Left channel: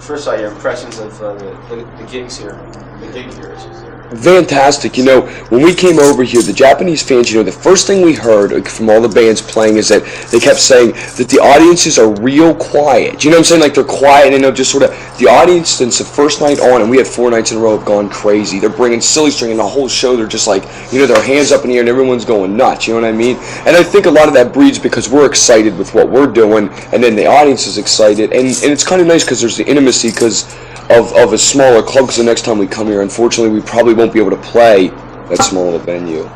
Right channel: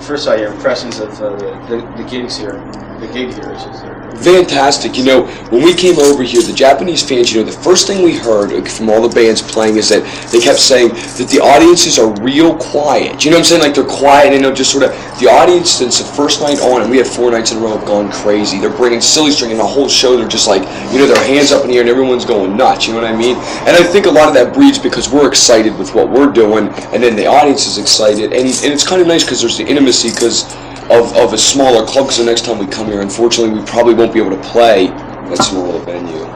First of all, your impressions of the gigs here, the gig here. Fantastic. You know, when we came over here, the Japanese fans, you know, the first thing we heard from all the bands playing is that they kept saying that the audiences are real quiet. You know what I'm saying? Like, they're quiet and, you know, just sort of, the audience since the first night on, and we had 4 nights in a row, have gone crazy. They're bringing silly string, and the whole show, they're just like, you know, their hands up in the air and everyone's going nuts. You know what I mean? And I think a lot of that breeds because we're excited with what we're doing, and then the audience is excited. And it's kind of nice because there's the intimacy because of a smaller club, because the next time we come here, unfortunately, we probably won't be able to play that smaller venue.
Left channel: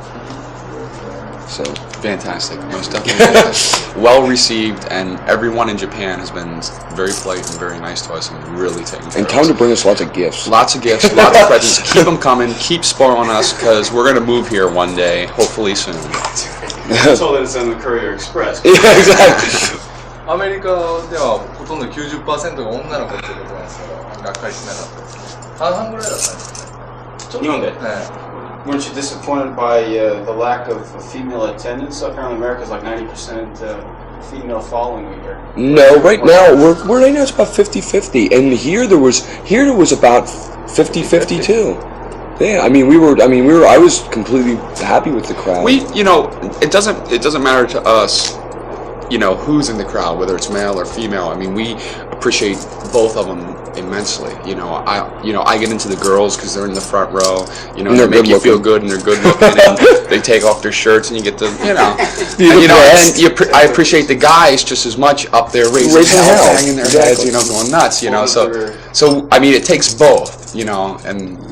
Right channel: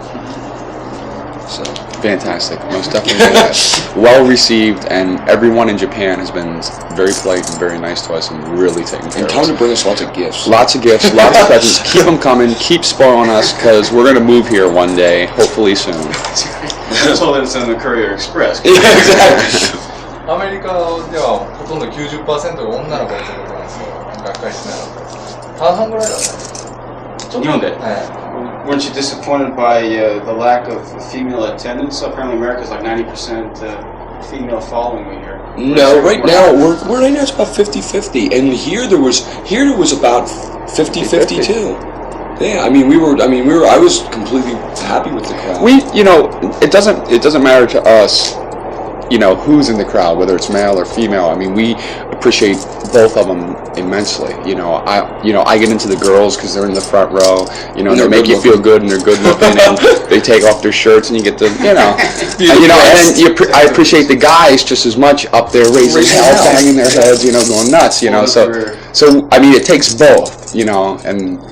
So fantastic, most definitely. Well received, and everyone in Japan has been very polite and very nice to us, and really taking care of us. And come to bring us lots of gifts. Lots of gifts, lots of presents. Keep them coming. Keep spoiling us, because we're going to move here one day, hopefully soon. I told it it's on the Courier Express. Yeah, exactly. アメリカではほとんど 90% が女の子の仕事なんですよ。学会しなかったです。半々ぐらいだったんですよ。日本で? Weren't you disappointed by the lack of female attendance? Apparently America's like 90% female following me here. No, right now right now it's about 50-50, and here there was about 50-50 too. Yeah, I was completely happy with the crowd. You know, it doesn't matter to us, you know, who's in the crowd, whether it's male or female. I mean, we appreciate both of them immensely. You know, I get into the girls because they're in the front row. You know, and they make you feel good, and they're good looking, and they take off their shirts, and you get to, you know, and I appreciate the guys just as much up there raising hell, banging their heads, you know, going nuts. You know, so I mean, it takes both. You know, and.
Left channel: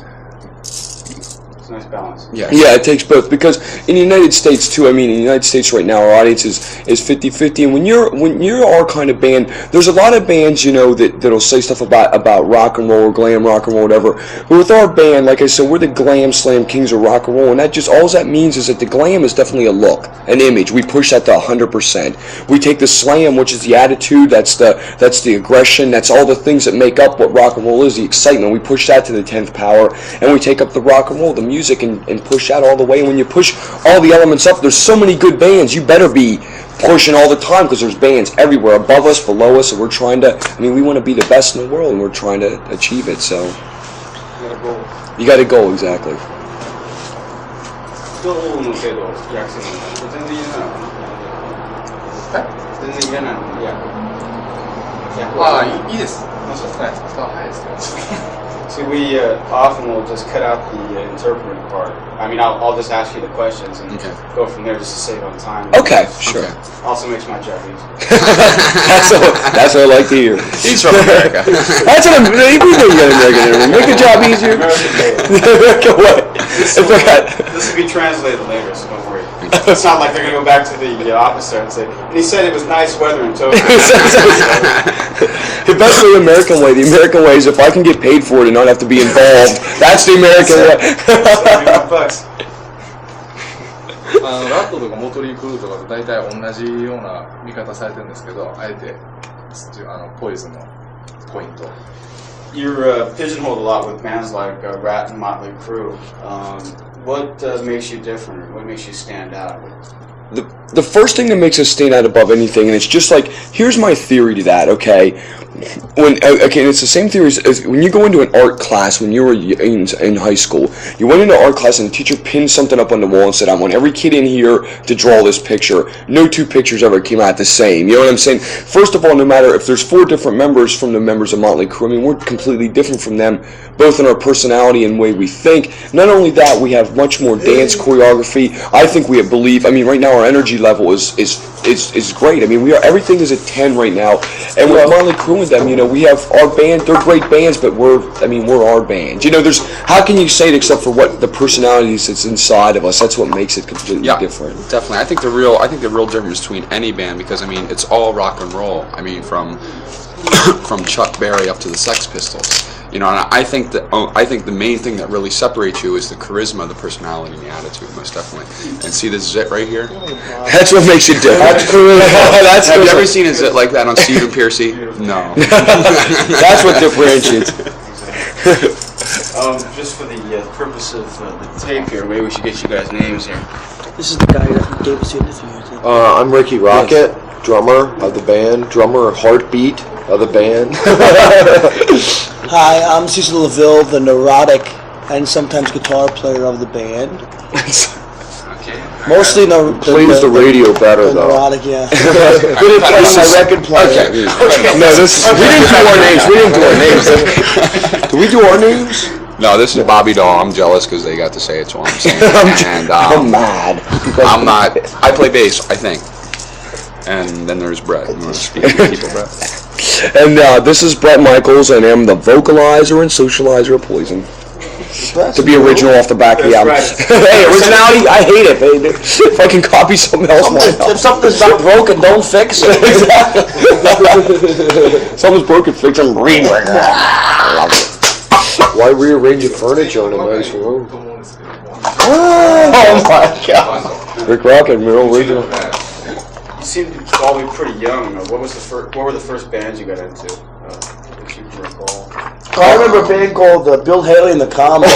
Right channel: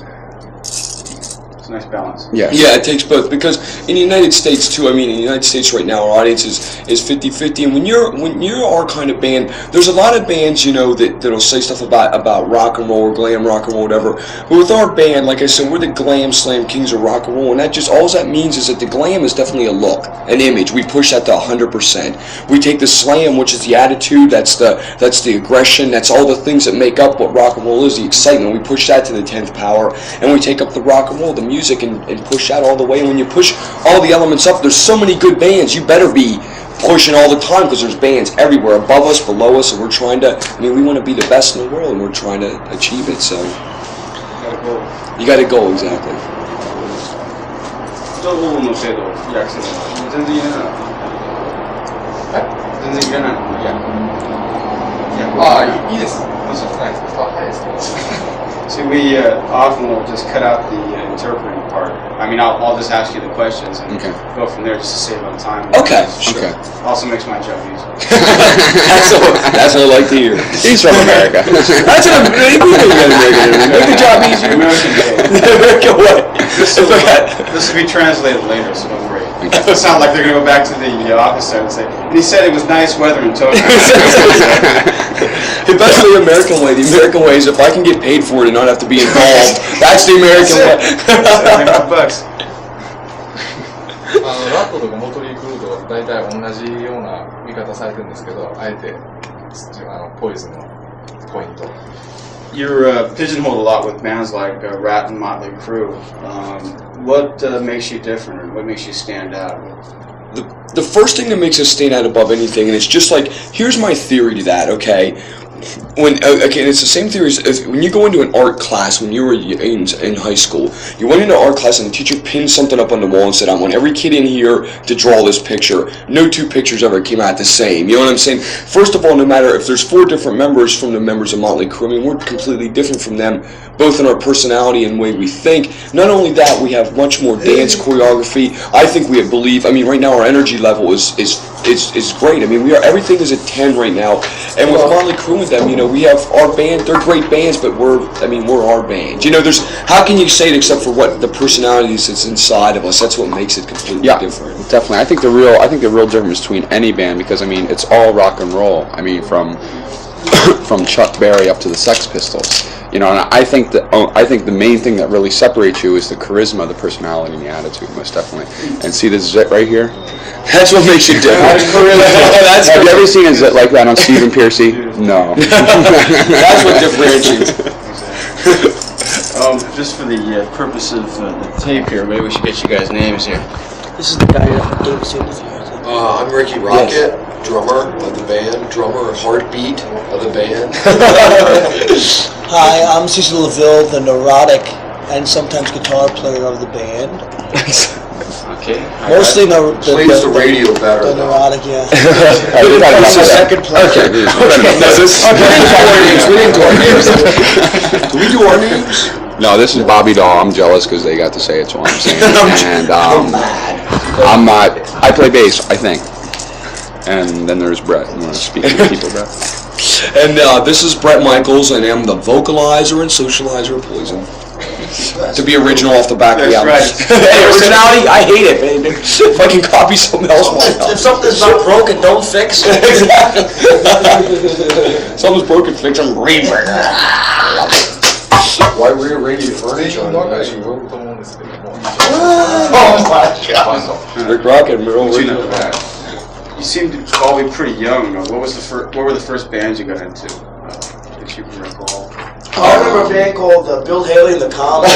Nice balance. Yeah, it takes both, because in the United States too, I mean, in the United States right now, our audience is 50-50, and when you're our kind of band, there's a lot of bands, you know, that'll say stuff about rock and roll or glam rock and roll, whatever, but with our band, like I said, we're the glam slam kings of rock and roll, and that just, all that means is that the glam is definitely a look, an image. We push that to 100%. We take the slam, which is the attitude, that's the aggression, that's all the things that make up what rock and roll is, the excitement. We push that to the 10th power, and we take up the rock and roll, the music, and push that all the way. And when you push all the elements up, there's so many good bands, you better be pushing all the time, because there's bands everywhere, above us, below us, and we're trying to, I mean, we want to be the best in the world, and we're trying to achieve it, so you got to go, exactly. いいです。早いですけど。See, we often will just cut out the interpreting part. I mean, I'll just ask you the questions and go from there just to save on time. Okay, sure. Okay. Also makes my job easier. That's what I like to hear. He's from America. That's what we know you got American. Make the job easier. American what? This will be translated later, so don't worry. It's not like they're going to go back to the office and say, and he said it was nice weather in Tokyo. That's the American way. The American way is if I can get paid for it and not have to be involved, that's the American way. $75. ラットとかモトリークルーとか大体同じような見方されてるんですけど、あえてポイズンのポイント。You're pigeonholed a lot with bands like Rat and Motley Crue. What makes you different, or what makes you stand out? The first thing that makes us stand out above anything, and it's just like, here's my theory to that, okay? And it's the same theory as when you go into an art class when you were in high school. You went into art class and the teacher pinned something up on the wall and said, I want every kid in here to draw this picture. No two pictures ever came out the same. You know what I'm saying? First of all, no matter if there's 4 different members from the members of Motley Crue, I mean, we're completely different from them, both in our personality and way we think. Not only that, we have much more dance choreography. I think we believe, I mean, right now our energy level is great. I mean, everything is at 10 right now. And with Motley Crue with them, you know, we have our band, they're great bands, but we're our band. You know, how can you say it except for what the personalities that's inside of us? That's what makes it completely different. Definitely. I think the real difference between any band, because I mean, it's all rock and roll. I mean, from Chuck Berry up to the Sex Pistols. You know, and I think the main thing that really separates you is the charisma, the personality, and the attitude, most definitely. And see this zit right here? That's what makes you different. Have you ever seen a zit like that on Stephen Pearcy? No. That's what differentiates. Just for the purpose of the tape here, maybe we should get you guys' names here. This is the guy that gave us the interview. I'm Ricky Rocket, drummer of the band, drummer of Heartbeat. of the band. Hi, I'm Cecil LaVille, the neurotic and sometimes guitar player of the band. Okay. Mostly the Plays the radio better, the though. neurotic, yeah. Good at playing my record player. Okay. No, this. We didn't do our names. We didn't do our names. Do we do our names? No, this is Bobby Dahl. I'm jealous because they got to say it, so I'm saying it. And I'm mad. I'm not. I play bass, I think. And then there's Bret. You want to speak to people, Bret? And this is Bret Michaels, and I'm the vocalizer and socializer of Poison. To be original off the back of the album. That's right. Hey, originality, I hate it, man. If I can copy something else, why If not? something's not broken, don't fix it. Exactly. Something's broken, fix it, rework it. I love it. Why rearrange your furniture in a nice room? と思うんですけども。 Oh my god. Rick Rocket, real original. You seem to all be pretty young. What were the first bands you got into? If you can recall. I remember a band called Bill Haley and the Comets.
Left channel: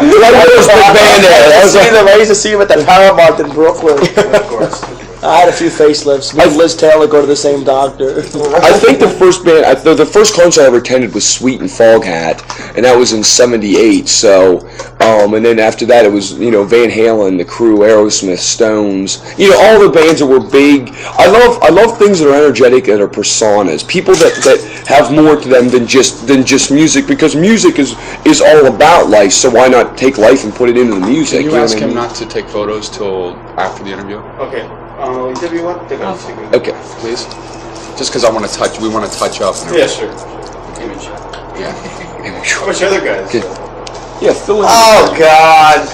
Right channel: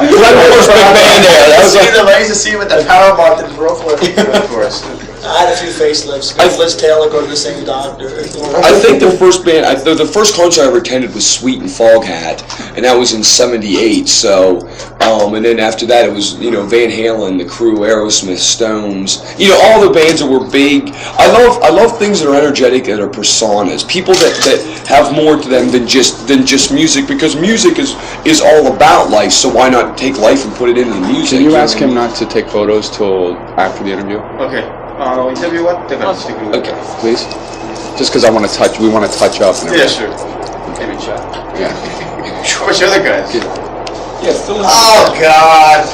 Red Miller's big band there. That was like, I used to see them at the Paramount in Brooklyn. Of course. I had a few facelifts. Me and Liz Taylor go to the same doctor. I think the first band, the first concert I ever attended was Sweet and Foghat, and that was in '78. So, and then after that it was Van Halen, The Crew, Aerosmith, Stones. All the bands that were big. I love things that are energetic, that are personas. People that have more to them than just music, because music is all about life. So why not take life and put it into the music? Can you know ask what I him mean? not to take photos till after the interview? Okay. Interview what? Okay, please. Just because we want to touch up and Yeah, everything. sure. Give me a shot. Yeah. What's your other guys? Good. Yeah, fill in. Oh God!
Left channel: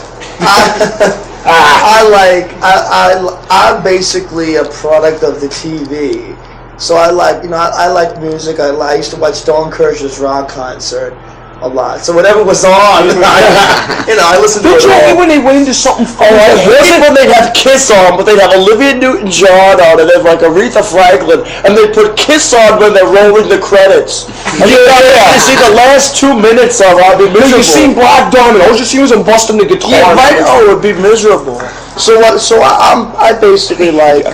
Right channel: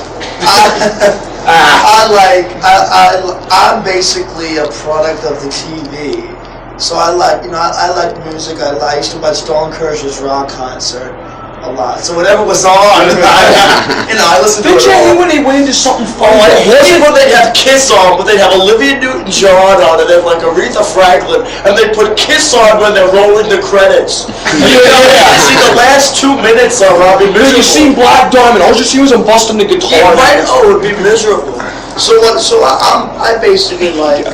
I'm basically a product of the TV. So I like music. I used to watch Dawn Kirsh's rock concert a lot. So whatever was on, I listened to it. Did you hate all. when they went into something fun? Oh, I hated when they'd have Kiss on, but they'd have Olivia Newton-John on, and they'd have like Aretha Franklin, and they'd put Kiss on when they're rolling the credits. Yeah. See, the last 2 minutes of I'll be miserable. No, you seen Black Diamond. All you see was him busting the guitar. Yeah, right. Oh, it would be miserable. So I basically like.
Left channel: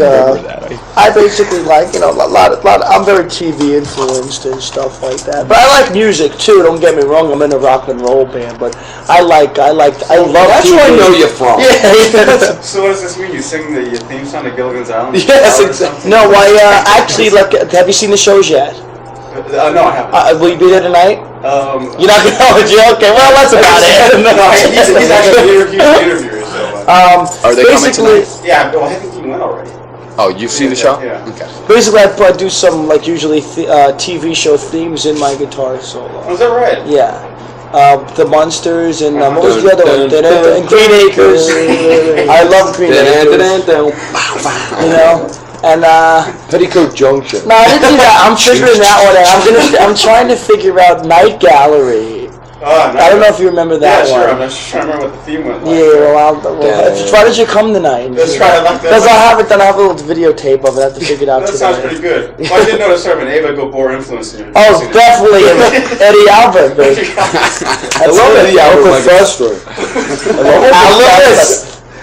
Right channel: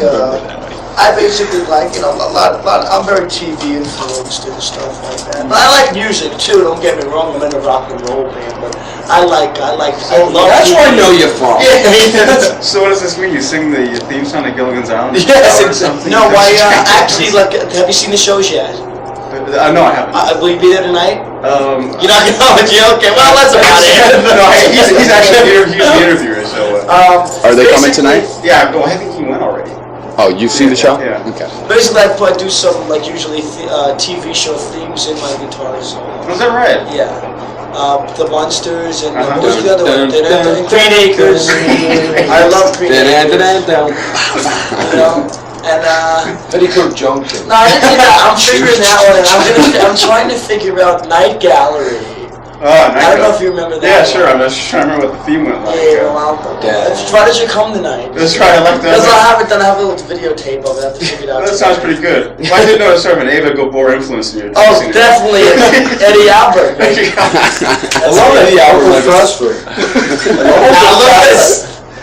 I basically like, a lot. I'm very TV influenced and stuff like that. But I like music too. Don't get me wrong. I'm in a rock and roll band, but I love. That's where I know you from. Yeah. So what does this mean? You sing the theme song to Gilligan's Island? Yes, exactly. No, actually, have you seen the shows yet? No, I haven't. Will you be there tonight? You're not gonna know it, yeah? Okay, well, that's about it. He's actually the interviewer, so. Are they coming tonight? Yeah, well, I think he went already. Oh, you've seen the show? Yeah. Okay. Basically, I do some usually TV show themes in my guitar solo. Oh, is that right? Yeah. The Monsters and what was Dun, the other dun, one? dun, Green Acres. I love Green Acres. And Petticoat Junction. no, I didn't see that. I'm figuring that one out. I'm trying to figure out Night Gallery. Oh, I don't know if you remember that yeah, one. sure. I'm just trying to remember what the theme was. Yeah, why did you come tonight? Let's try to look Because I haven't done. I have a little videotape of it. I have to figure it out. That sounds pretty good. I didn't know it's sort of an Ava Gabor influence in your Oh, definitely Eddie Albert. Baby. I love Eddie Albert. Like Professor.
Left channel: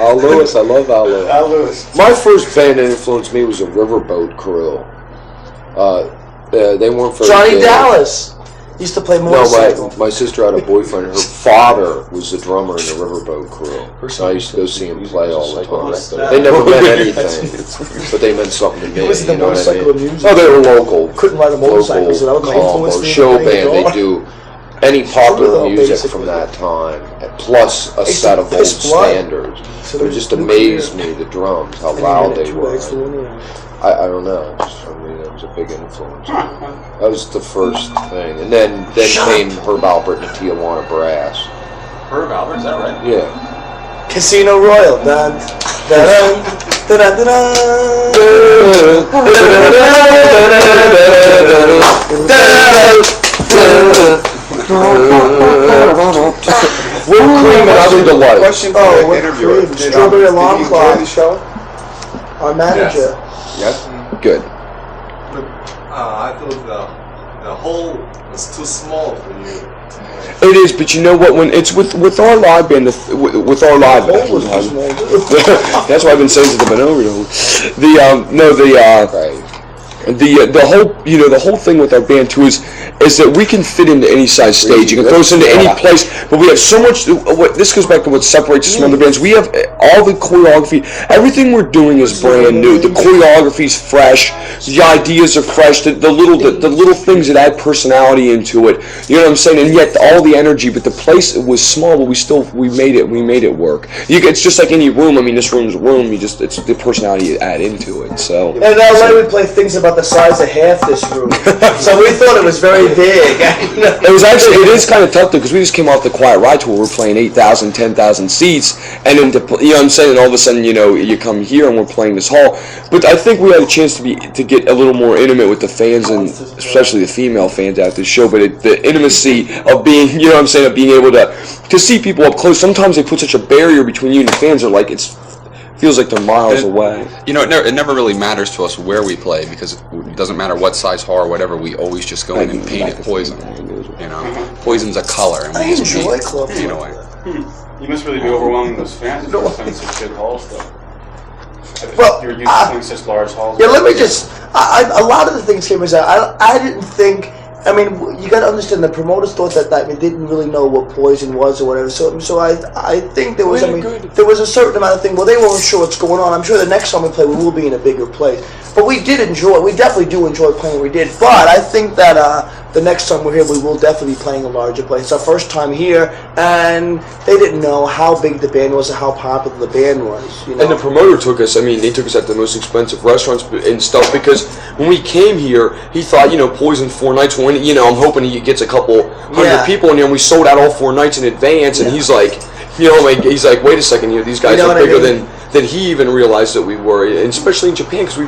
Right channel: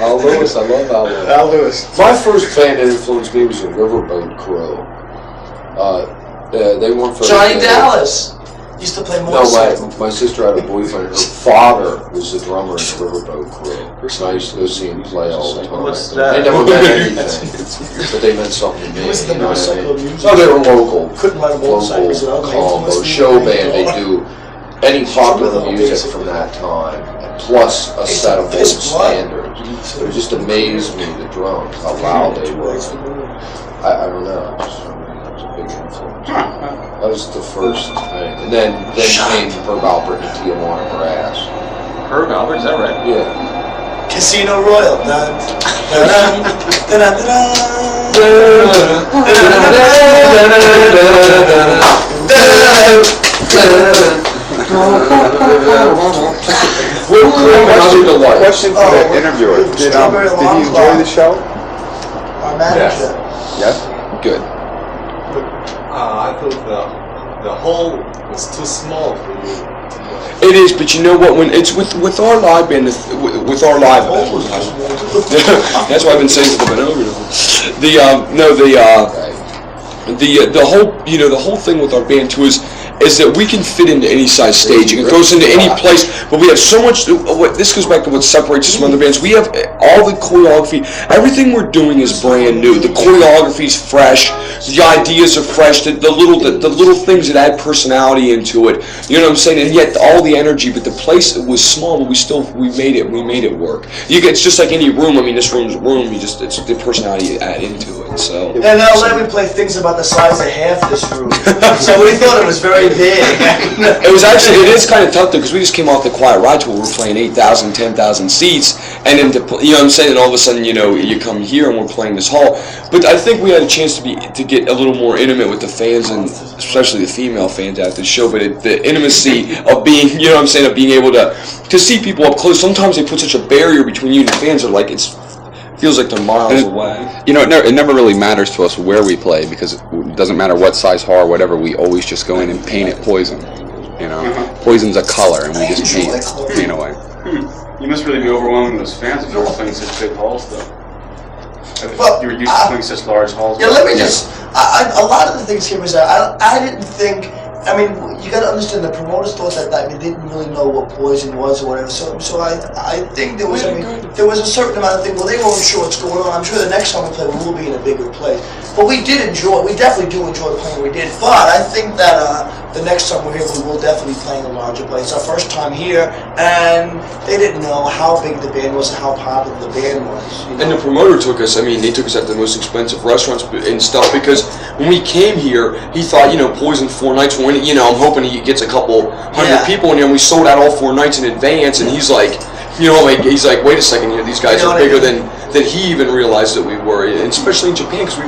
Al Lewis. I love Al Lewis. Al Lewis. My first band that influenced me was a Riverboat Crew. They weren't very Johnny good. Dallas used to play motorcycle. No, my sister had a boyfriend, and her father was the drummer in the Riverboat Crew. So I used to go see him play all the time. They never meant anything, but they meant something to me. He was the you know what I motorcycle mean? music. Oh, they were local. Couldn't ride a motorcycle. He said, "Oh, my Local influence or me show to play band. They guitar." do any popular Troubadour, music basically. from that time, and plus a It's set of old his blood. standards. So It just amazed me, the drums, how loud they were. I don't know. I mean, it was a big influence. That was the first thing. And then came Herb Alpert and Tijuana Brass. Herb Albert, is that right? Yeah. Casino Royale. Dun, dun, dun, dun, dun, Question for the interviewer. Did Strawberry he Alarm enjoy Clock. the show? Our manager. Yes. Good. I thought the hole was too small for you. It is, but you know what? When it's with our live band, with our live, that's why I've been saying to the been over. the whole thing with our band too is that we can fit into any size stage. You can throw us into any place, but we have so much. This goes back to what separates us from other bands. We have all the choreography. Everything we're doing is brand new. The choreography is fresh. The ideas are fresh. The little things that add personality into it. You know what I'm saying? And yet all the energy. But the place was small, but we made it work. It's just like any room. I mean, this room's a room. It's the personality you add into it. So. In LA, we play things about the size of half this room, so we thought it was very big. It is kind of tough though, because we just came off the Quiet Ride tour. We're playing 8,000, 10,000 seats, and then you know what I'm saying. And all of a sudden, you come here and we're playing this hall. But I think we had a chance to get a little more intimate with the fans, and especially the female fans at the show. But the intimacy of being, you know what I'm saying, of being able to see people up close. Sometimes they put such a barrier between you and the fans. Are like feels like they're miles away. It never really matters to us where we play, because it doesn't matter what size hall or whatever. We always just go in and paint it poison. Poison's a color, and we just paint away. You must really be overwhelming those fans if you're playing such big halls, though. Well, you're used to playing such large halls. Yeah, let me just. A lot of the things came as I didn't think. I mean, you got to understand, the promoters thought that they didn't really know what Poison was or whatever. So I think there was, there was a certain amount of thing. Well, they weren't sure what's going on. I'm sure the next time we play, we will be in a bigger place. But we definitely do enjoy playing. We did. But I think that the next time we're here, we will definitely be playing a larger place. It's our first time here, and they didn't know how big the band was and how popular the band was. And the promoter took us. I mean, they took us at the most expensive restaurants and stuff, because when we came here, he thought, Poison 4 nights. I'm hoping he gets a couple hundred people in there, and we sold out all 4 nights in advance. And he's like, he's like, wait a second, these guys are bigger than he even realized that we were, and especially in Japan, because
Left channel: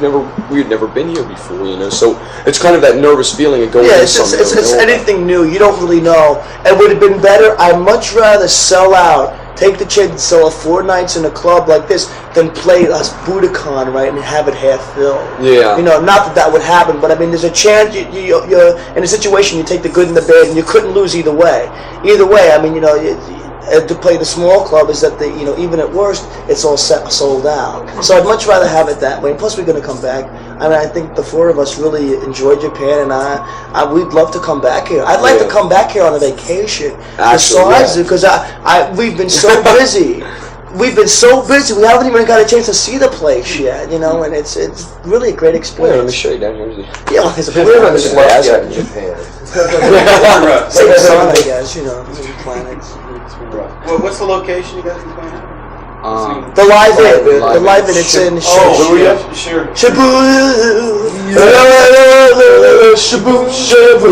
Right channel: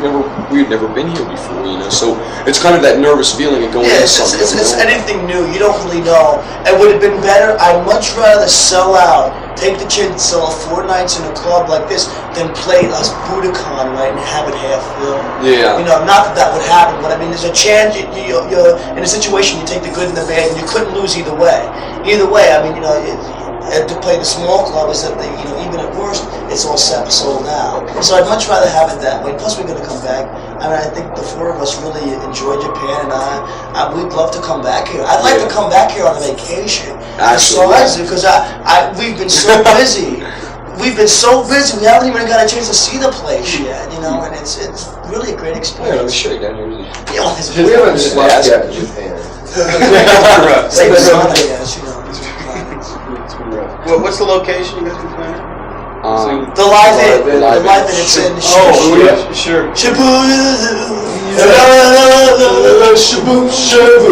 we had never been here before, So it's kind of that nervous feeling of going into something. It's anything new. You don't really know. It would have been better. I'd much rather sell out. Take the chance to sell 4 nights in a club like this than play us Budokan, right, and have it half filled. Yeah. Not that would happen, but I mean, there's a chance you're in a situation, you take the good and the bad, and you couldn't lose either way. Either way, I mean, to play the small club is that even at worst, it's all sold out. So I'd much rather have it that way. Plus, we're going to come back. I mean, I think the 4 of us really enjoy Japan, and we'd love to come back here. I'd like to come back here on a vacation. Actually, because we've been so busy. We've been so busy. We haven't even got a chance to see the place yet, and it's really a great experience. Let me show you down here. Yeah, well, there's a place in Japan. Same sun, I guess. There's planets. What's the location you guys are planning? The Live In. The Live In. It's in sure.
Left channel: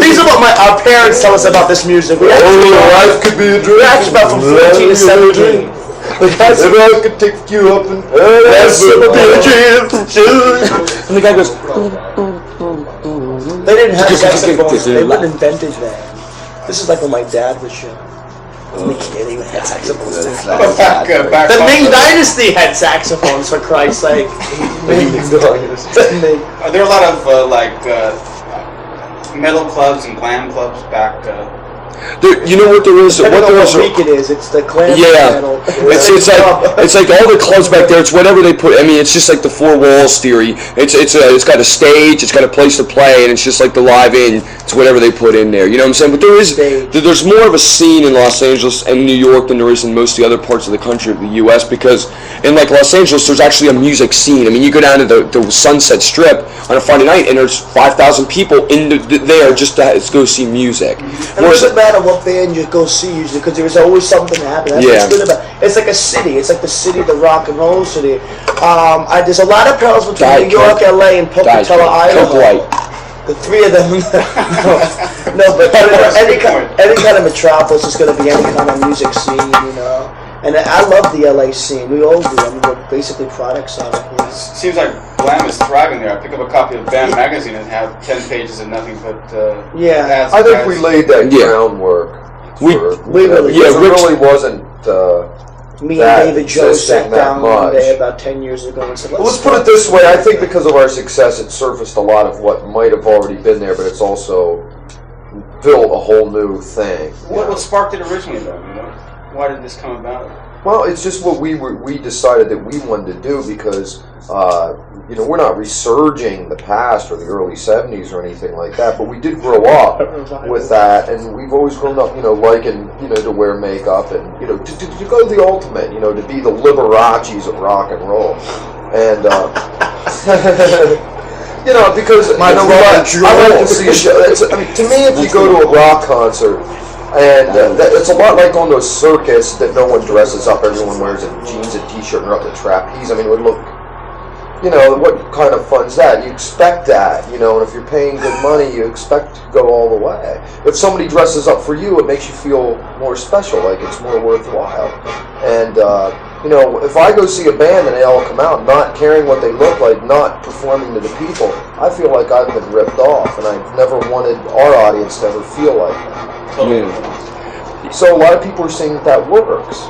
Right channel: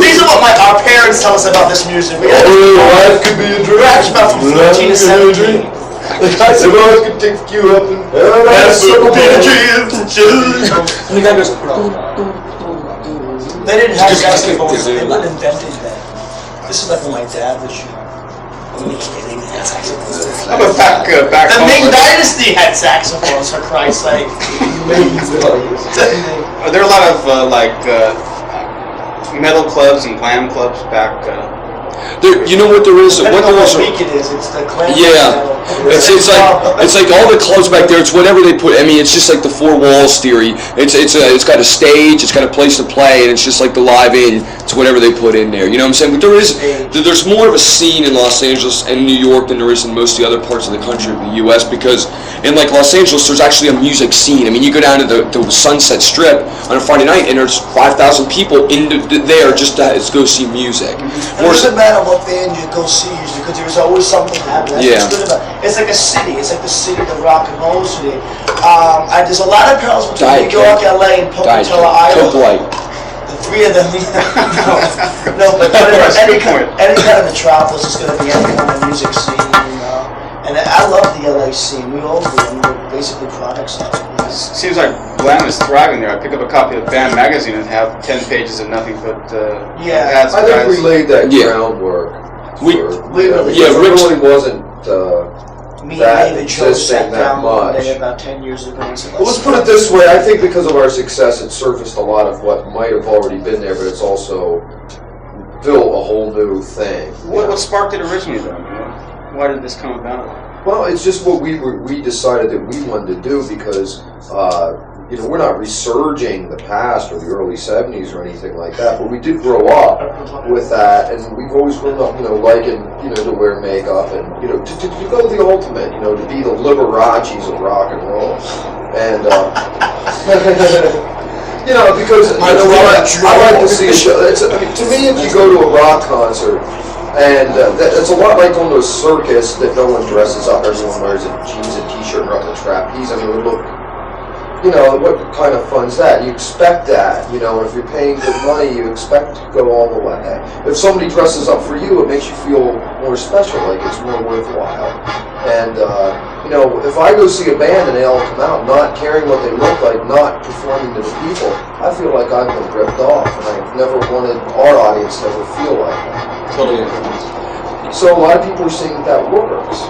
These are what our parents tell us about this music. We actually about from 14 to 17. The guys could take you up and the guy goes. They didn't have saxophones. They weren't invented that. This is like when my dad was young. They even had saxophones. The Ming Dynasty had saxophones, for Christ's sake. Are there a lot of metal clubs and glam clubs back? You know what there is? I don't know what week it is. It's the clan. Yeah, it's like all the clubs back there. It's whatever they put. I mean, it's just like the 4 walls theory. It's got a stage. It's got a place to play, and it's just like the Live In. It's whatever they put in there. You know what I'm saying? But there's more of a scene in Los Angeles and New York than there is in most of the other parts of the country of the U.S. Because in like Los Angeles, there's actually a music scene. I mean, you go down to the Sunset Strip on a Friday night, and there's 5,000 people there just to go see music. It doesn't matter what band you go see usually, because there's always something to happen. That's what's good about it. It's like a city. It's like the city, the rock and roll city. There's a lot of parallels between New York, LA, and Pocatello, Iowa. Coke Light. The 3 of them. but any kind of metropolis is going to be any kind of music scene, And I love the LA scene. We all do. I mean, we're basically products of it. It seems like glam is thriving there. I pick up a copy of Band magazine and have 10 pages of nothing but ads. I think we laid that groundwork. We really did. It really wasn't. Me and David Joe sat down one day about 10 years ago and said, let's put it this way. I think because of our success, it surfaced a lot of what might have already been there, but it's also built a whole new thing. What sparked it originally? Why did this come about? Well, it's just what we decided that we wanted to do, because we're not resurging the past or the early 70s or anything like that, but we did grow up with that, and we've always grown up, liking, to wear makeup and, to go the ultimate, to be the Liberace's of rock and roll. And, because I like to see a show. To me, if you go to a rock concert, and it's a lot like on those circus that no one dresses up, everyone wears a jeans and t-shirt and they're up the trapeze. I mean, it would look, what kind of fun's that? You expect that, if you're paying good money, you expect to go all the way. If somebody dresses up for you, it makes you feel more special, like it's more worthwhile. And, if I go see a band and they all come out not caring what they look like, not performing to the people, I feel like I've been ripped off, and I've never wanted our audience to ever feel like that. Yeah. So a lot of people are saying that works,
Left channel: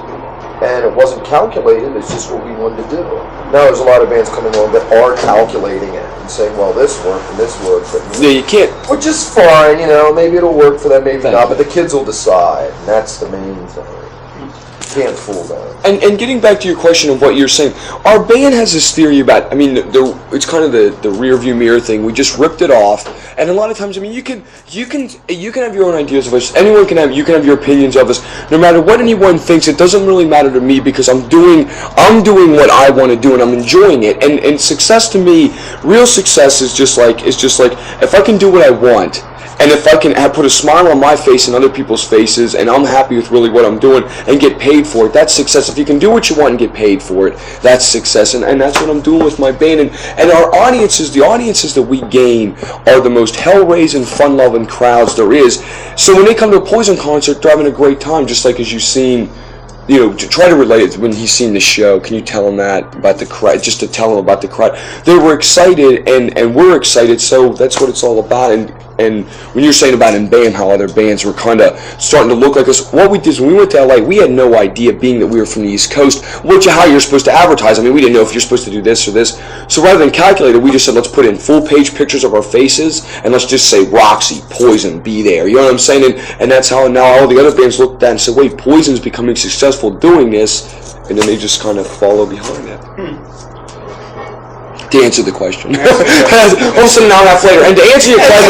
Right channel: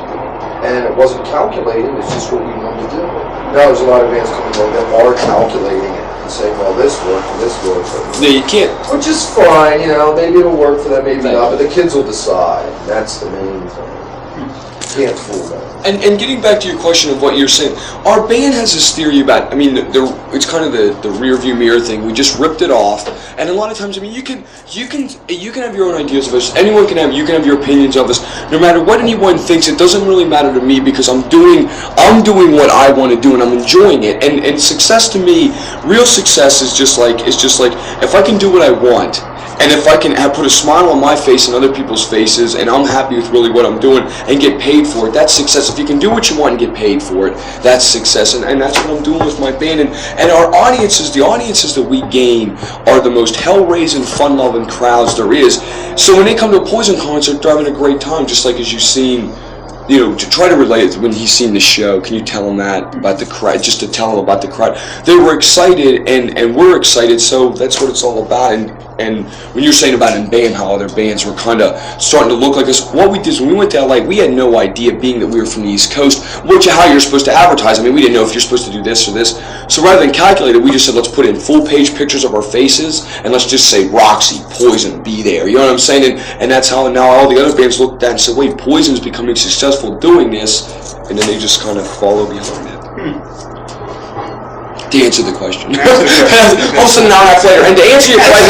and it wasn't calculated, it's just what we wanted to do. Now there's a lot of bands coming along that are calculating it and saying, well, this worked and this worked. Yeah, you can't. Which is fine, maybe it'll work for them, maybe not, but the kids will decide. And that's the main thing. You can't fool them. And getting back to your question of what you're saying, our band has this theory about, it's kind of the rear view mirror thing. We just ripped it off, and a lot of times, you can have your own ideas of us. You can have your opinions of us. No matter what anyone thinks, it doesn't really matter to me because I'm doing what I want to do and I'm enjoying it. And success to me, real success is just like if I can do what I want. And if I can put a smile on my face and other people's faces, and I'm happy with really what I'm doing, and get paid for it, that's success. If you can do what you want and get paid for it, that's success. And that's what I'm doing with my band. And our audiences, the audiences that we gain, are the most hell-raising, fun-loving crowds there is. So when they come to a Poison concert, they're having a great time, just like as you've seen. To try to relate it when he's seen the show. Can you tell him that about the crowd? Just to tell him about the crowd. They were excited, and we're excited. So that's what it's all about. And when you're saying about in band, how other bands were kind of starting to look like us, what we did is when we went to LA, we had no idea, being that we were from the East Coast, how you're supposed to advertise. We didn't know if you're supposed to do this or this. So rather than calculate it, we just said, let's put in full-page pictures of our faces, and let's just say Roxy, Poison, be there. You know what I'm saying? And that's how now all the other bands looked at that and said, wait, Poison's becoming successful doing this, and then they just kind of follow behind it. To answer the question. All of a sudden, now half later. And to answer your question,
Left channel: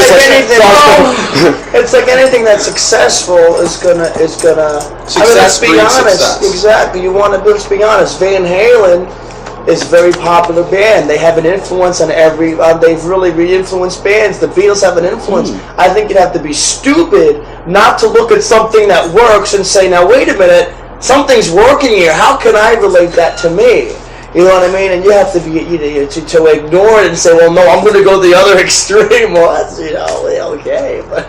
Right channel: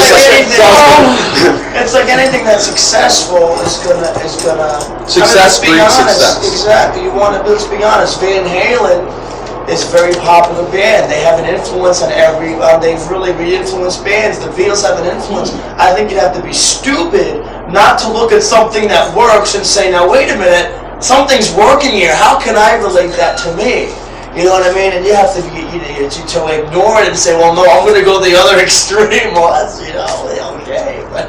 it's like anything that's successful is gonna. Success breeds success. Exactly. Let's be honest. Van Halen is a very popular band. They have an influence on every. They've really re-influenced bands. The Beatles have an influence. I think you'd have to be stupid not to look at something that works and say, now wait a minute, something's working here. How can I relate that to me? You know what I mean? And you have to be to ignore it and say, well, no, I'm going to go the other extreme. Well, that's okay, but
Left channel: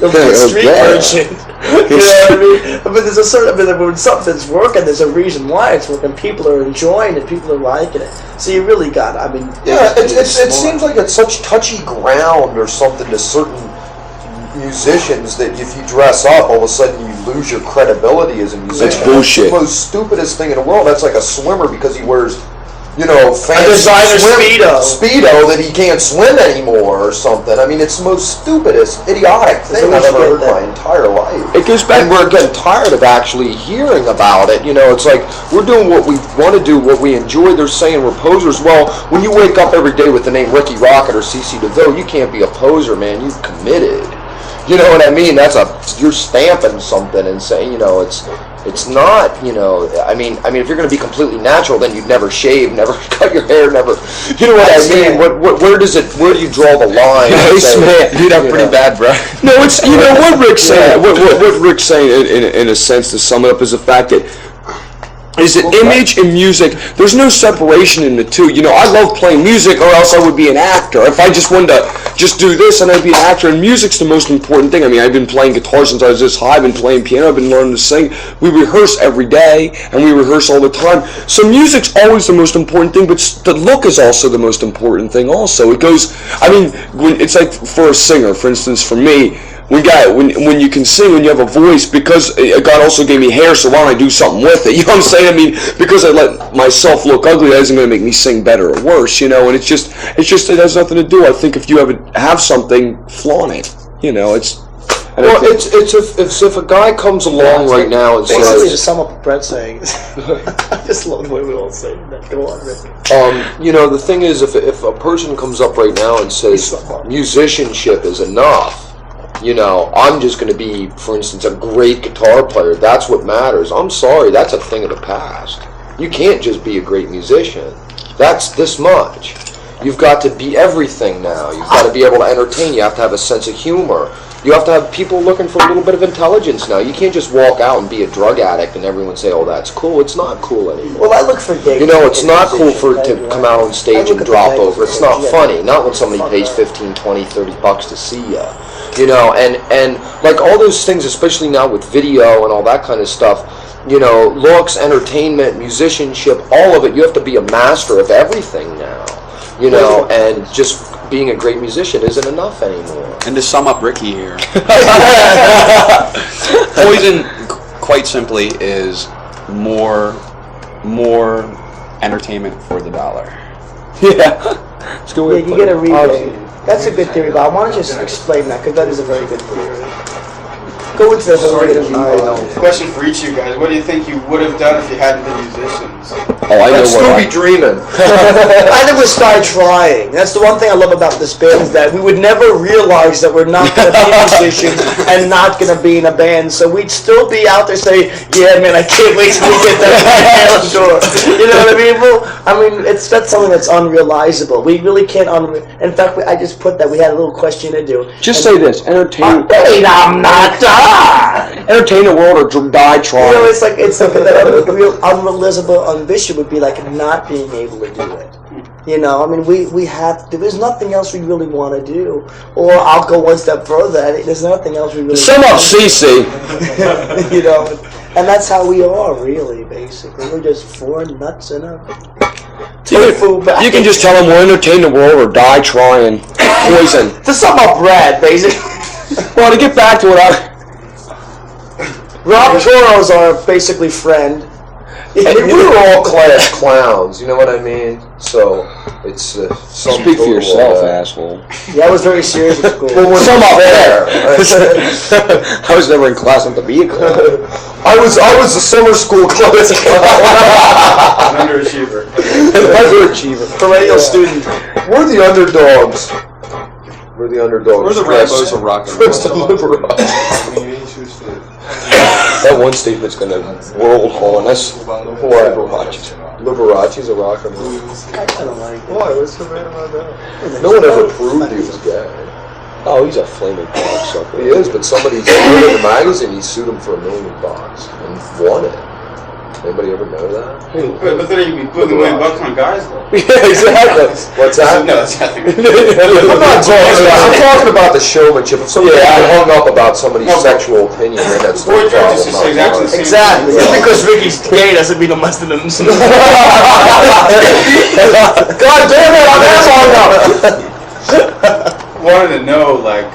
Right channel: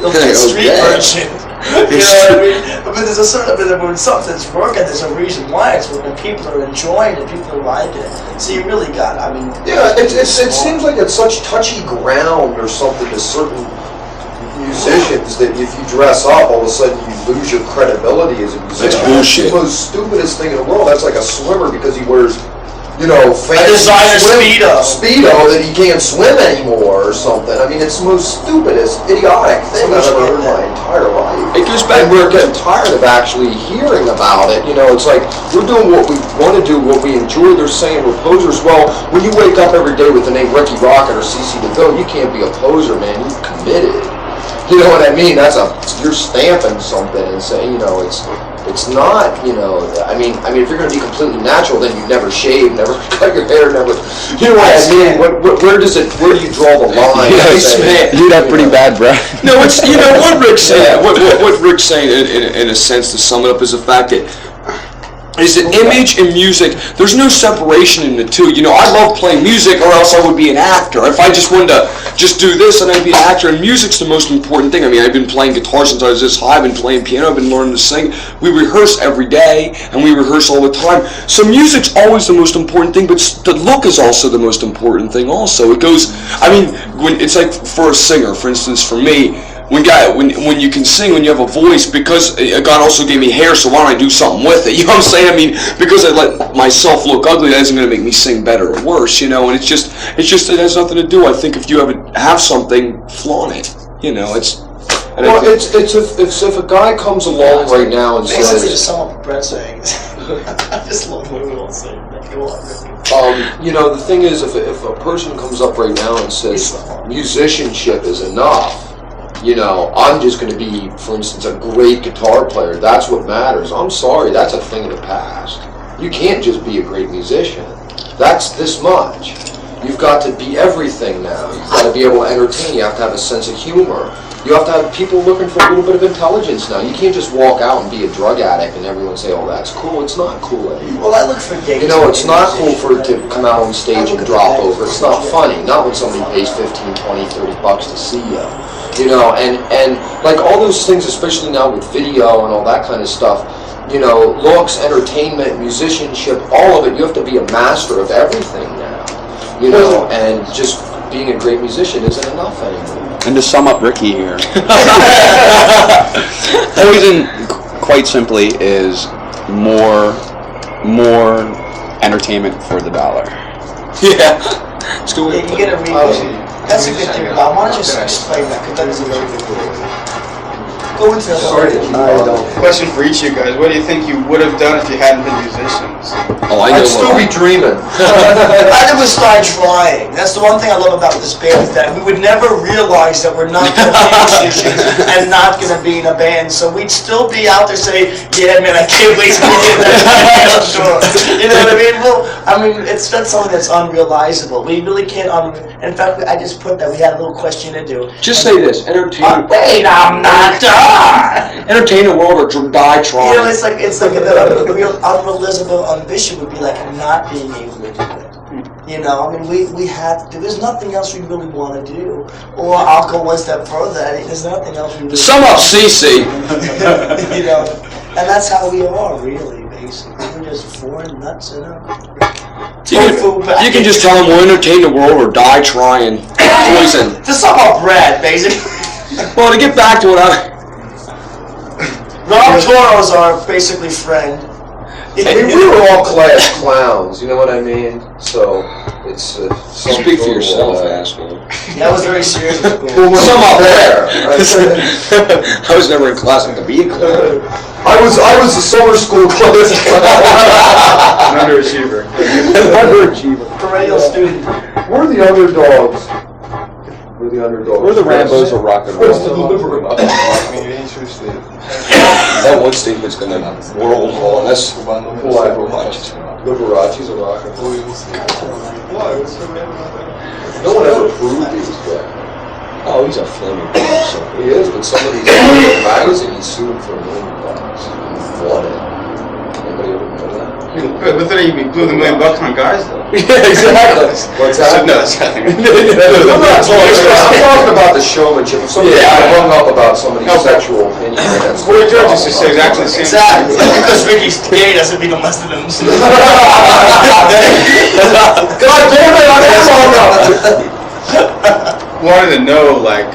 the street version. You know what I mean? But there's a certain. When something's working, there's a reason why it's working. People are enjoying it. People are liking it. So you really got. It seems like it's such touchy ground or something to certain musicians that if you dress up, all of a sudden you lose your credibility as a musician. That's bullshit. It's the most stupidest thing in the world. That's like a swimmer because he wears, fancy a designer speedo that he can't swim anymore or something. It's the most stupidest, idiotic thing I've ever heard in my entire life. It goes back. We're getting tired of actually hearing about it. It's like we're doing what we want to do, what we enjoy. They're saying we're posers. Well, when you wake up every day with the name Ricky Rocket or CC DeVille, you can't be a poser, man. You're committed. You know what I mean? You're stamping something and saying, it's not, if you're going to be completely natural, then you never shave, never cut your hair, never, you know what I mean? Where do you draw the line? Dude, that's pretty bad, bro. No, it's, what Rick's saying, what Rick's saying in a sense, to sum it up, is the fact that is that image and music, there's no separation in the two. I love playing music, or else I would be an actor. If I just wanted to just do this, then I'd be an actor. And music's the most important thing. I've been playing guitar since I was this high. I've been playing piano. I've been learning to sing. We rehearse every day, and we rehearse all the time. So music's always the most important thing, but the look is also the most important thing also. It goes, when it's like for a singer, for instance, for me, when you can sing, when you have a voice, because God also gave me hair, so why don't I do something with it? You know what I'm saying? Because I let myself look ugly, that isn't going to make me sing better or worse, and it just it has nothing to do. I think if you have something, flaunt it. And I Well, think, if a guy comes along right now and Basically, to says, sum up what Brett's saying, I just love the way we all say that. Go on, Rick. the thing is, if a person comes up right now and says musicianship is enough, I'm just going to be, for instance, a great guitar player. That's what matters. I'm sorry, that's a thing of the past. You can't just be a great musician. That's this much. You've got to be everything now. You've got to be able to entertain. You have to have a sense of humor. You have to have people looking for a little bit of intelligence now. You can't just walk out and be a drug addict and everyone say, oh, that's cool. It's not cool anymore. Well, I look for gigs. It's not cool for it to come out on stage and drop over. It's not funny. Not when somebody pays 15, 20, 30 bucks to see you. And like all those things, especially now with video and all that kind of stuff, looks, entertainment, musicianship, all of it, you have to be a master of everything now. And just being a great musician isn't enough anymore. And to sum up Ricky here, poison, quite simply, is more entertainment for the dollar. yeah. It's good way Yeah, to you put get a it. rebate. That's a good theory, Bob. Why don't you just explain that? Because that is a very good theory. Go into the whole I don't. Question for each of you guys: what do you think you would have done if you hadn't been musicians? Oh, I know I'd still what be dreaming. I think we start trying. That's the one thing I love about this band, is that we would never realize that we're not going to be musicians and not going to be in a band. So we'd still be out there saying, yeah, man, I can't wait till we get that door. You know what I mean? Well, that's something that's unrealizable. We really can't in fact, I just put that. We had a little question to do. Just say this: entertain. Wait, I'm not done. Entertain the world or die trying. It's like that real unrealizable ambition would be like not being able to do it. We have to. There's nothing else we really want to do. Or I'll go one step further. There's nothing else we really. Sum up, CC. And that's how we are, really. Basically, we're just four nuts in a. You can just tell them we'll entertain the world or die trying. Poison. To sum up Brad, basically. Well, to get back to what Rob Toro's our basically friend. And we were all class clowns, you know what I mean? So, it's Speak for yourself, asshole. Yeah, I was very serious at school. Sum up there. I was never in class with the vehicle. I was a summer school class Underachiever. Underachiever. Perennial student. We're the underdogs. We're the underdogs. We're the Rambos of rock and First roll. deliver us. That one statement's gonna world on us. Whoever watches. Liberace's a rock and roll. I don't like it. No one ever proved he was gay. Oh, he's a flaming god, so He is, but somebody said in the magazine he sued him for $1 million and won it. Anybody ever know that? But then you blew the $1 million on guys, though. Yeah, exactly. What's that? No, that's nothing. I'm talking about the showmanship. If somebody Yeah. hung up about somebody's sexual opinion, that's the Boy George used to say exactly the same Exactly. thing. Just because Ricky's gay doesn't mean I'm less than him. God damn it, I'm hung up. Wanted to know, like,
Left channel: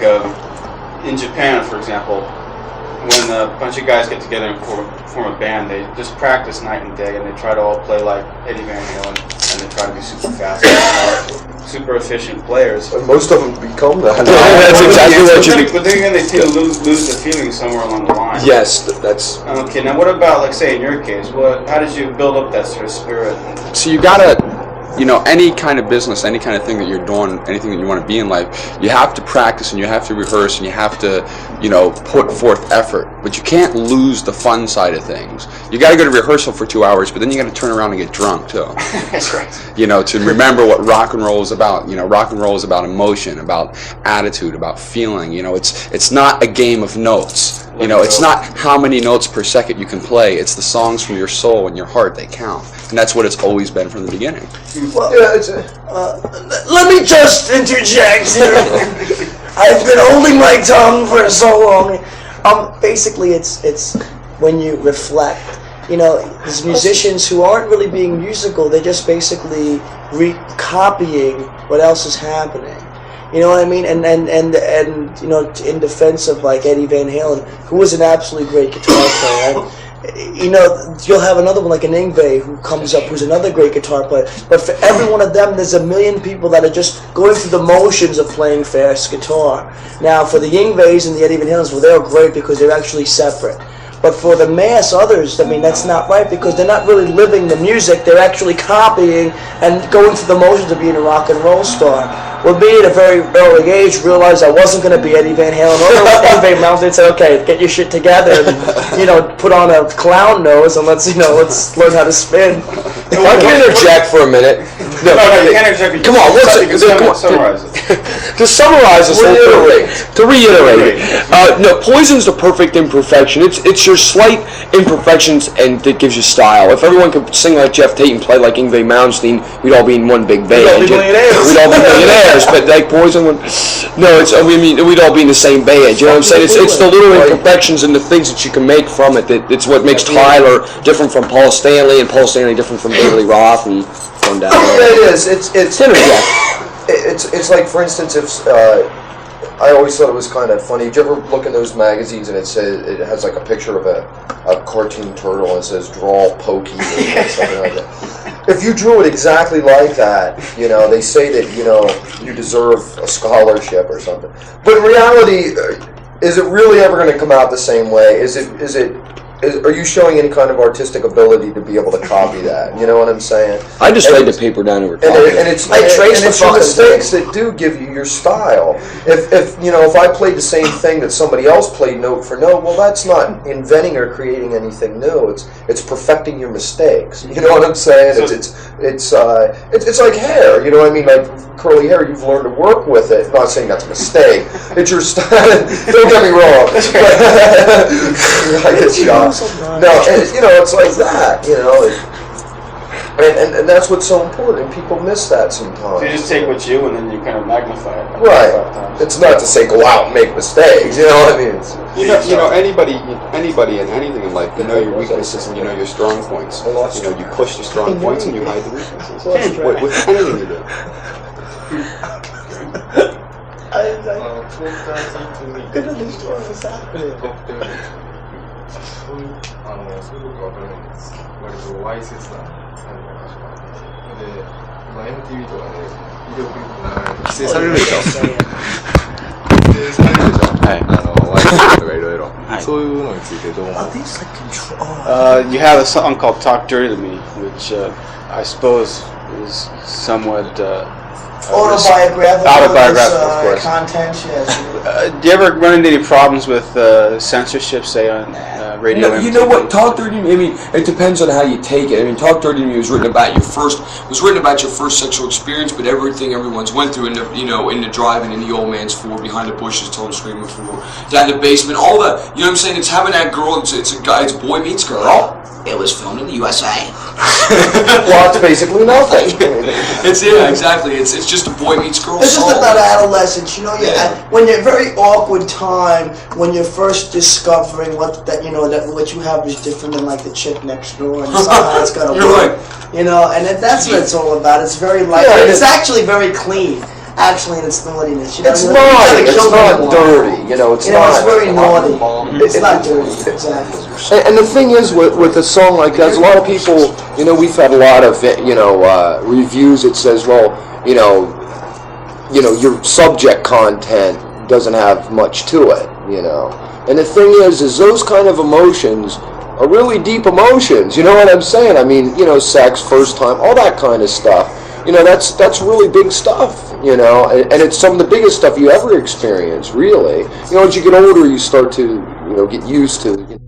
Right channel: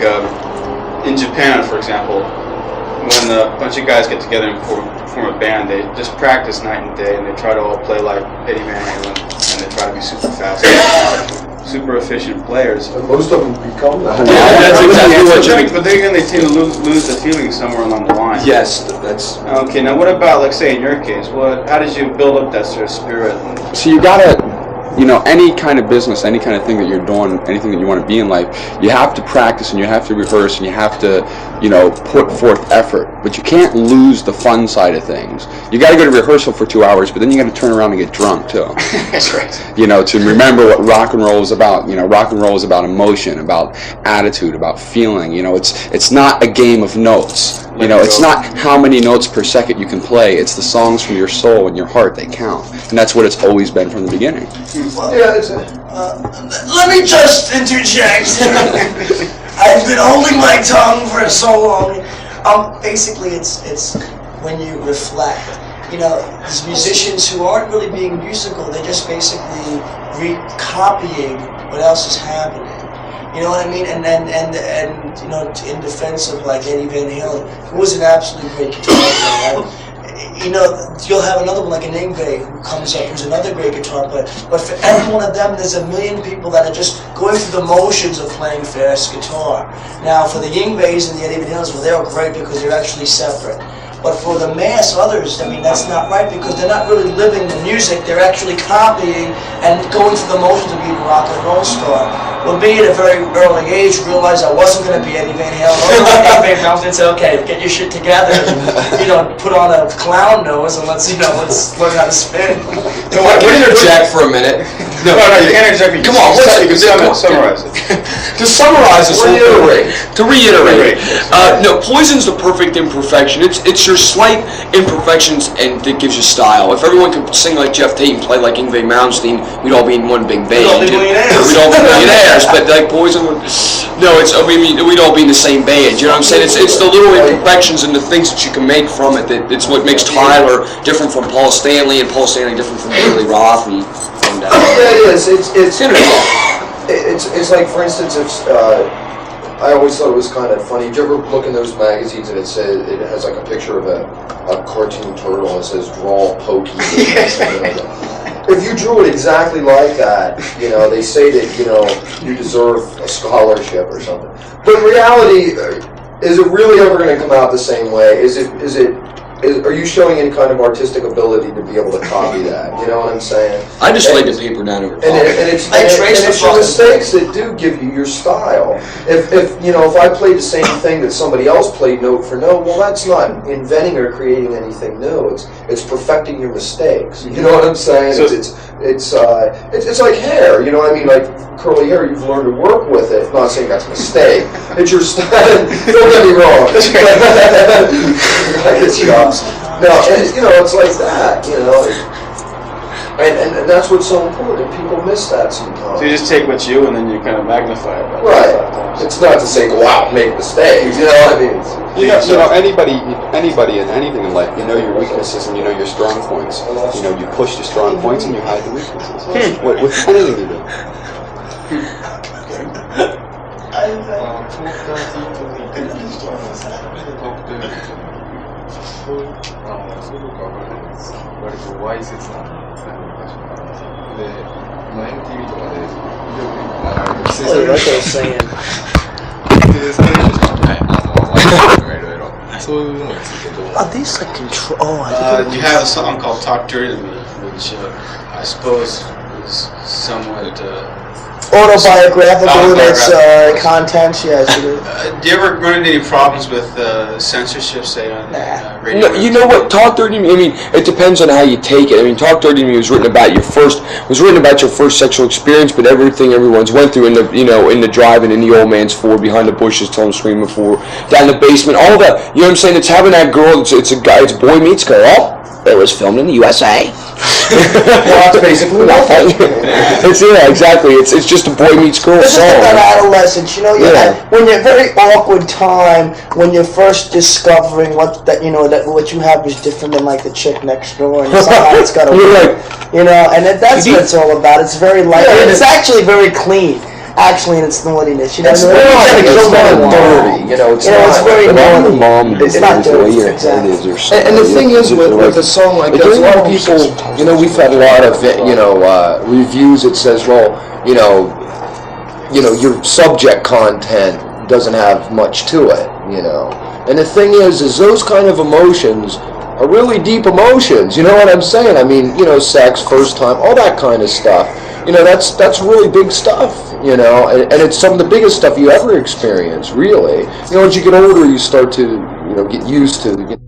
in Japan, for example, when a bunch of guys get together and form a band, they just practice night and day, and they try to all play like Eddie Van Halen, and they try to be super fast, super efficient players. Most of them become that. That's exactly what you But then they lose the feeling somewhere along the line. Yes, that's. Okay, now what about, like, say, in your case, how did you build up that sort of spirit? So you gotta, any kind of business, any kind of thing that you're doing, anything that you want to be in life, you have to practice and you have to rehearse and you have to, put forth effort. But you can't lose the fun side of things. You got to go to rehearsal for 2 hours, but then you got to turn around and get drunk too. That's right. To remember what rock and roll is about. Rock and roll is about emotion, about attitude, about feeling. It's not a game of notes. It's not how many notes per second you can play. It's the songs from your soul and your heart that count. And that's what it's always been from the beginning. Well, let me just interject here. I've been holding my tongue for so long. Basically, it's when you reflect. These musicians who aren't really being musical, they're just basically copying what else is happening. You know what I mean? And in defense of like Eddie Van Halen, who was an absolutely great guitar player, you'll have another one like an Yngwie who comes up, who's another great guitar player. But for every one of them, there's a million people that are just going through the motions of playing fast guitar. Now, for the Yngwies and the Eddie Van Halens, well, they're great because they're actually separate. But for the mass others, I mean, that's not right because they're not really living the music. They're actually copying and going through the motions of being a rock and roll star. Well, me at a very early age realized I wasn't going to be Eddie Van Halen. Eddie Van Halen said, "Okay, get your shit together, and, put on a clown nose and let's learn how to spin." If I can interject for a minute. No, come on, one second. Come on. Summarize. To summarize this whole thing, to reiterate, no, Poison's the perfect imperfection. It's your slight imperfections and it gives you style. If everyone could sing like Jeff Tate and play like Yngwie Malmsteen, we'd all be in one big band. We'd all be millionaires. But like Poison, we'd all be in the same band. You know what I'm saying? It's the little imperfections and the things that you can make from it it's what makes Tyler different from Paul Stanley and Paul Stanley different from David Lee Roth and going down there. It is. It's like, for instance, if I always thought it was kind of funny. Did you ever look in those magazines and it has like a picture of a cartoon turtle and it says "Draw Pokey." If you drew it exactly like that, they say that you deserve a scholarship or something. But in reality, is it really ever going to come out the same way? Are you showing any kind of artistic ability to be able to copy that? You know what I'm saying? I just laid the paper down over top. And it's your mistakes that do give you your style. If I played the same thing that somebody else played note for note, well, that's not inventing or creating anything new. It's perfecting your mistakes. You know what I'm saying? So it's like hair. You know what I mean? Like curly hair, you've learned to work with it. I'm not saying that's a mistake. It's your style. Don't get me wrong. I get shot. No, it's like that, and that's what's so important. People miss that sometimes. So you just take what's you and then you kind of magnify it. Right. It's not to say go out and make mistakes. You know what I mean? Anybody in anything in life, you know your weaknesses and you know your strong points. You push your strong points and you hide the weaknesses. With anything you do. そういうことはこれなんです。割とわいせつな場所があって。で、今 MTV とかでビデオクリップ流れると規制されるでしょ。規制されるでしょ。ワイセツとかいろいろ。そういうのについてどう思う？ You have a song called "Talk Dirty to Me," which I suppose is somewhat autobiographical content. Yes. Do you ever run into any problems with censorship, say on radio? You know what? Talk Dirty to Me. I mean, it depends on how you take it. I mean, Talk Dirty to Me was written about your first sexual experience, but everyone's went through in the drive-in in the old man's Ford behind the bushes till I'm screaming for down the basement, all that. You know what I'm saying? It's having that girl. It's a guy. It's boy meets girl. It was filmed in the USA. Well, it's basically nothing. Exactly. It's just a boy meets girl. It's just about adolescence, when you're very awkward time, when you're first discovering that what you have is different than like the chick next door, and somehow it's got to work, and that's what it's all about. It's very light. It's actually very clean. Actually, in its naughtiness, it's not dirty. It's very naughty. It's not dirty, exactly. And the thing is, with a song like that, a lot of people, we've had a lot of, reviews that says, well, your subject content doesn't have much to it, And the thing is those kind of emotions are really deep emotions. You know what I'm saying? I mean, sex, first time, all that kind of stuff. That's really big stuff. And it's some of the biggest stuff you ever experience, really. As you get older, you start to, get used to.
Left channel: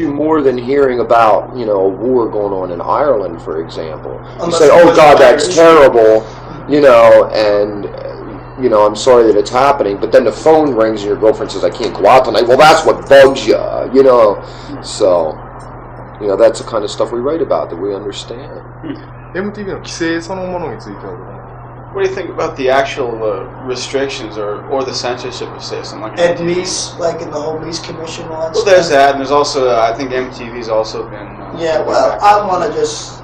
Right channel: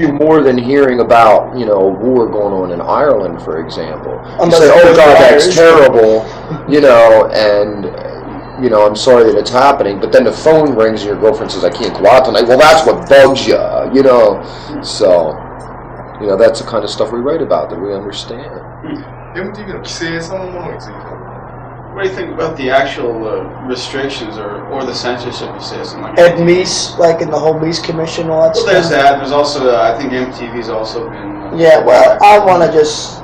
More than hearing about, a war going on in Ireland, for example. You say, oh God, that's terrible, and I'm sorry that it's happening, but then the phone rings and your girlfriend says, I can't go out tonight. Well, that's what bugs you, So, that's the kind of stuff we write about, that we understand. MTV の規制そのものについては What do you think about the actual restrictions or the censorship of citizen? Ed Meese, like in the whole Meese Commission, all that stuff. Well, there's that, and there's also, I think MTV's also been... Yeah, well, I want to just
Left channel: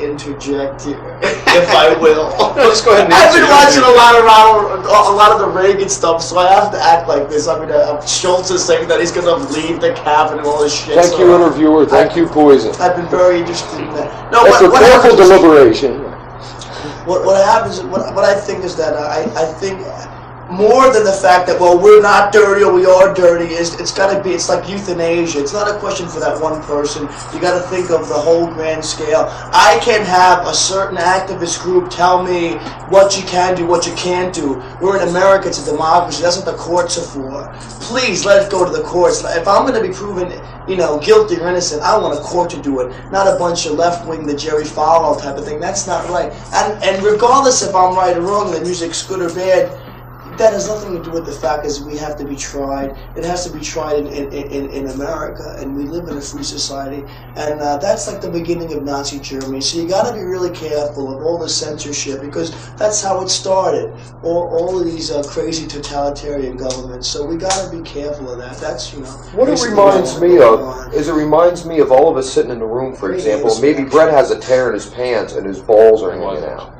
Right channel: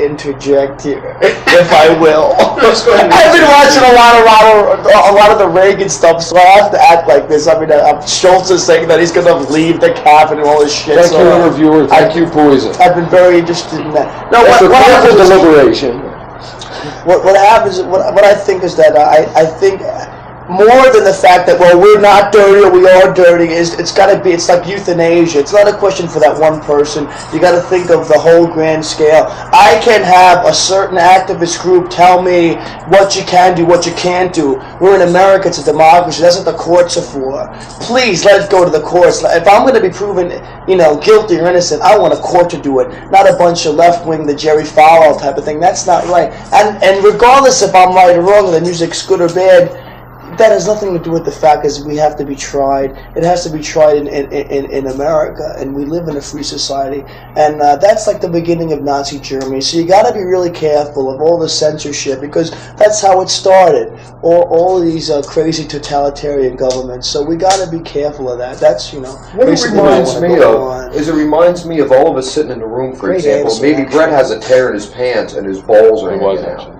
interject here, if I will. Let's go ahead and I've been watching a lot of the Reagan stuff, so I have to act like this. I mean, Schultz is saying that he's going to leave the cabinet and all this shit. Thank so you, interviewer. Thank you, Poison. I've been very interested in that. No, That's a what careful happens, deliberation. what happens, what I think is that I think more than the fact that, well, we're not dirty or we are dirty, it's got to be, it's like euthanasia. It's not a question for that one person. You got to think of the whole grand scale. I can have a certain activist group tell me what you can do, what you can't do. We're in America, it's a democracy. That's what the courts are for. Please let it go to the courts. If I'm going to be proven, guilty or innocent, I want a court to do it, not a bunch of left-wing, the Jerry Falwell type of thing. That's not right. And regardless if I'm right or wrong, the music's good or bad, that has nothing to do with the fact that we have to be tried. It has to be tried in America, and we live in a free society. And that's like the beginning of Nazi Germany. So you got to be really careful of all the censorship, because that's how it started. All these crazy totalitarian governments. So we got to be careful of that. That's What it reminds me of is it reminds me of all of us sitting in the room, for Great example. answer, Maybe actually. Brett has a tear in his pants and his balls are It was hanging out. actually.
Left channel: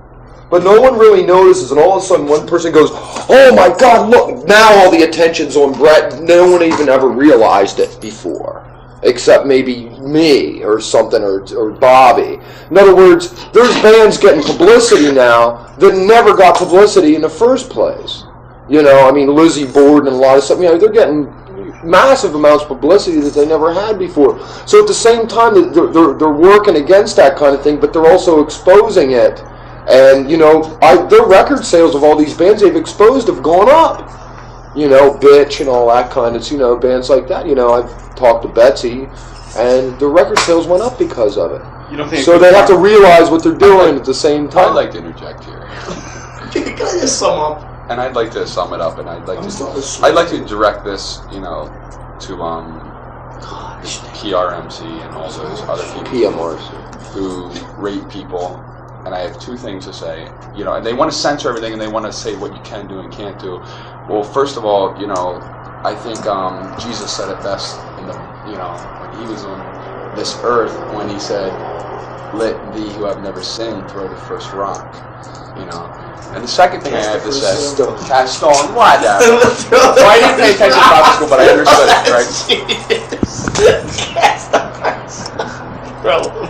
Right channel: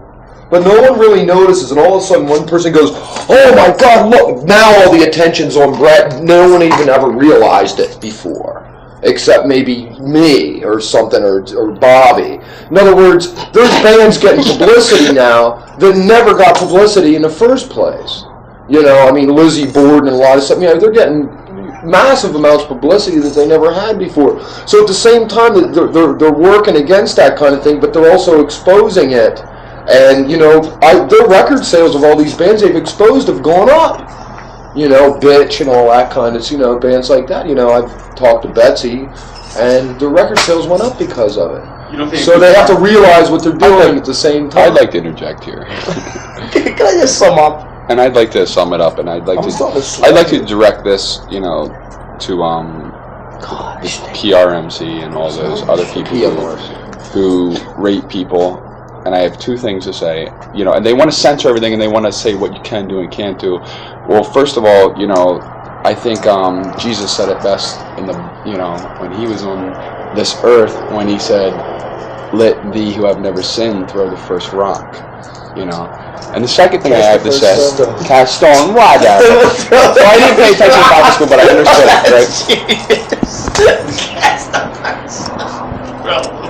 But no one really notices, and all of a sudden one person goes, "Oh my God, look, now all the attention's on Brett." No one even ever realized it before, except maybe me or something, or Bobby. In other words, there's bands getting publicity now that never got publicity in the first place. I mean, Lizzie Borden and a lot of stuff, they're getting massive amounts of publicity that they never had before. So at the same time, they're working against that kind of thing, but they're also exposing it. And, their record sales of all these bands they've exposed have gone up. Bitch and all that kind of, bands like that. I've talked to Betsy, and the record sales went up because of it. You don't think So they have to realize what they're doing at the same time. I'd like to interject here, Can I just sum up? and I'd like to sum it up, and I'd like to direct this, to PRMC and all those other people who rate people. And I have two things to say, and they want to censor everything, and they want to say what you can do and can't do. Well, first of all, I think Jesus said it best in the, when he was on this earth, when he said, "Let thee who have never sinned throw the first rock," And the second thing I have to say, cast stone, whatever. I didn't pay attention to Bible school, but I understood, right?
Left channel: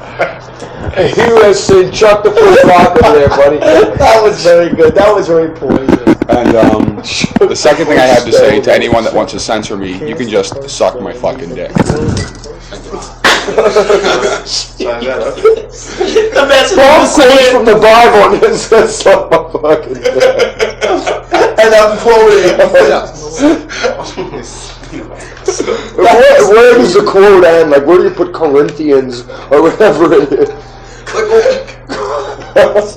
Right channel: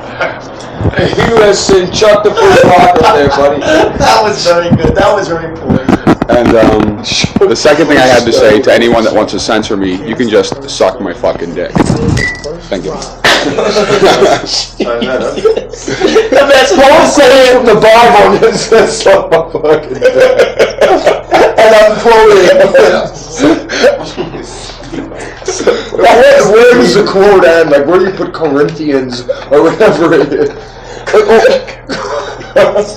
He has sinned. Chuck the first rock over there, buddy. That was very good. That was very poison. And the second thing I have to say to anyone that wants to censor me, you can just suck my fucking dick. Thank you. The best Paul quotes from the Bible and it says suck my fucking dick. And I'm quoting. Where does the quote end? Like, where do you put Corinthians or whatever it is? This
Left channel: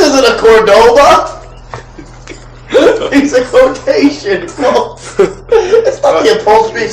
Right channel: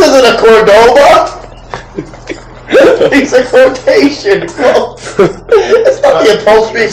isn't a Cordoba. It's a quotation. It's not the appropriate